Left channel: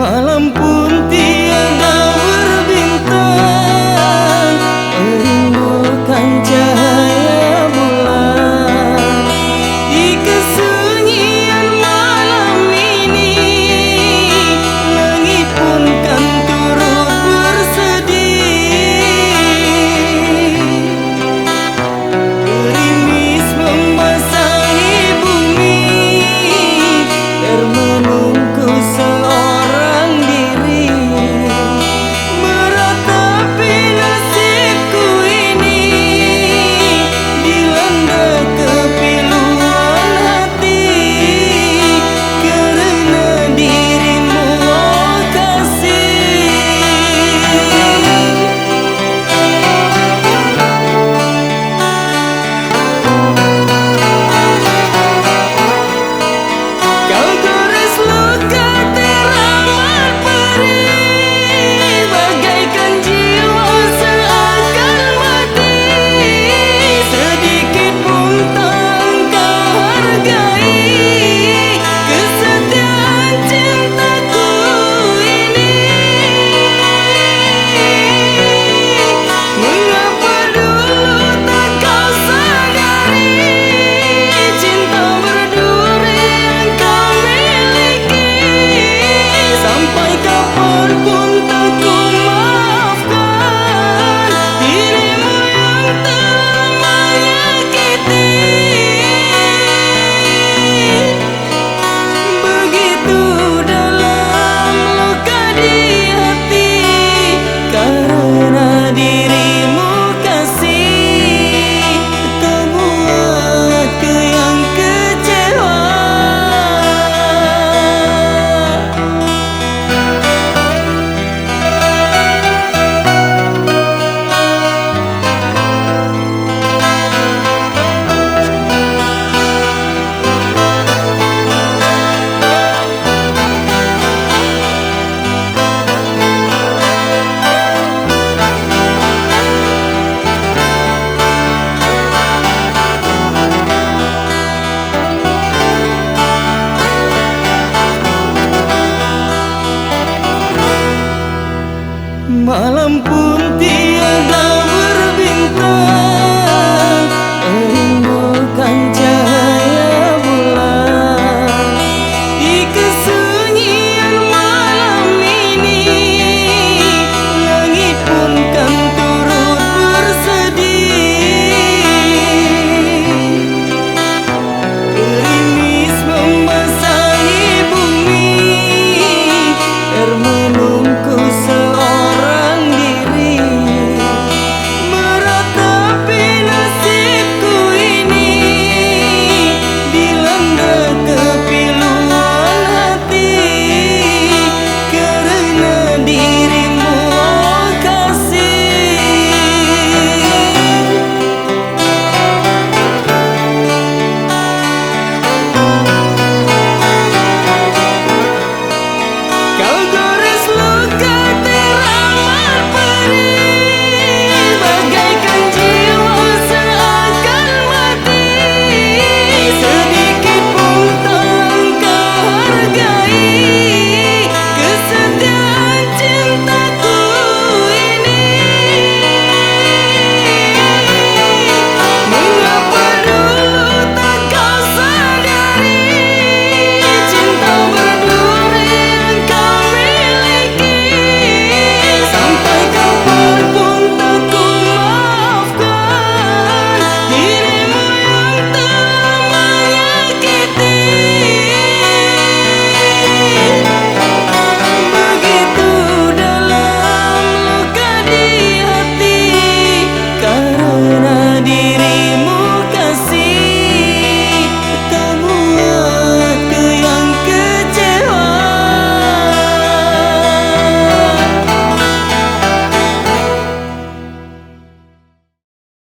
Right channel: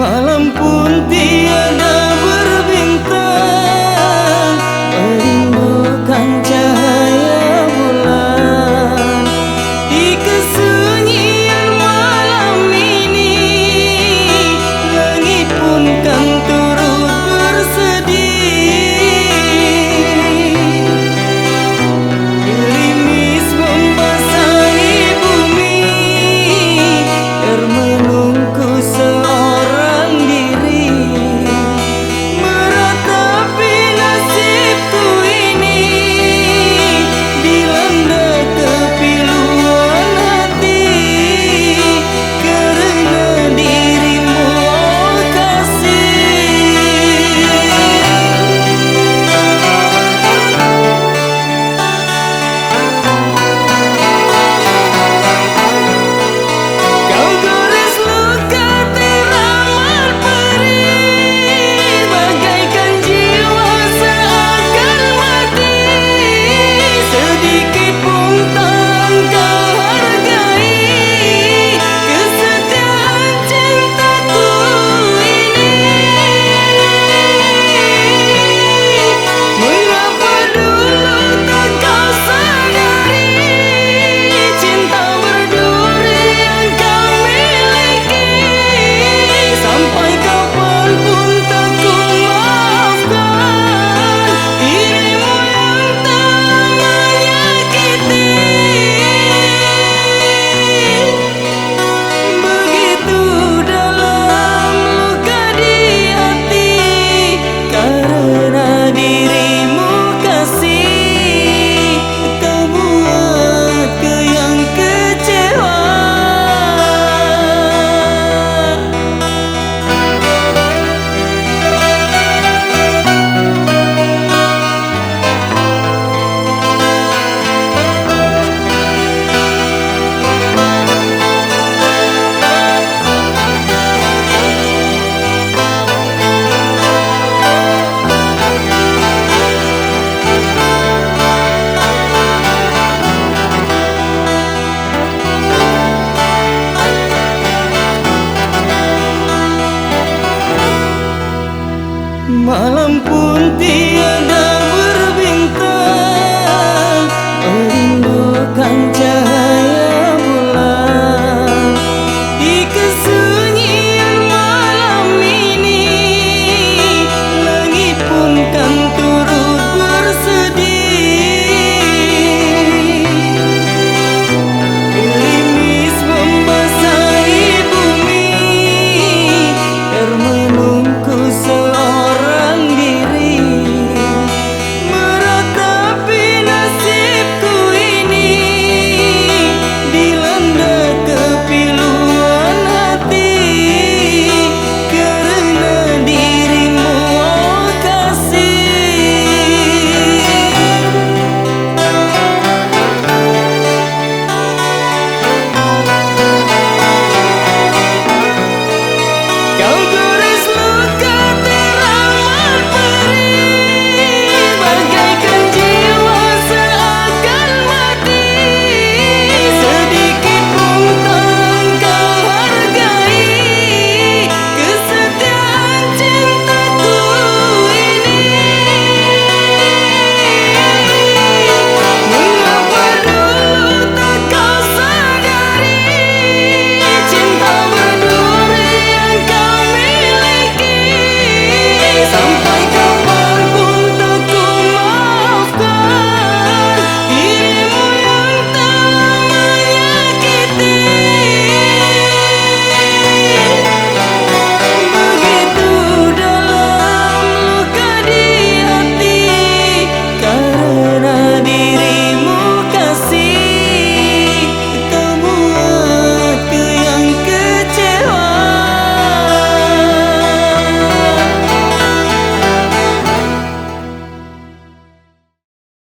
Malam pun tiada berbintang, merindukan cahaya bulan. Di kesunyian malam ini, langit pun kan turut bersedih. Gerimis membasahi bumi, termenungku seorang diri, meratapi nasibku ini, dilanda kepiluan hati, karena dirimu, oh kasih. Kau gores luka teramat perih, bagaikan jiwa seakan mati. Sedikit pun tak kau hargai kesetiaan cintaku ini. Mengapa dulu tak kau sadari, cinta berduri yang kau miliki. Sampai kapanpun tak ku maafkan dirimu yang telah menyakiti. Begitu dalam luka di hati, karena dirimu kasih, kau buatku yang kecewa. Malam pun tiada berbintang, merindukan cahaya bulan. Di kesunyian malam ini, langit pun kan turut bersedih. Gerimis membasahi bumi, termenungku seorang diri, meratapi nasibku ini, dilanda kepiluan hati, karena dirimu, oh kasih. Kau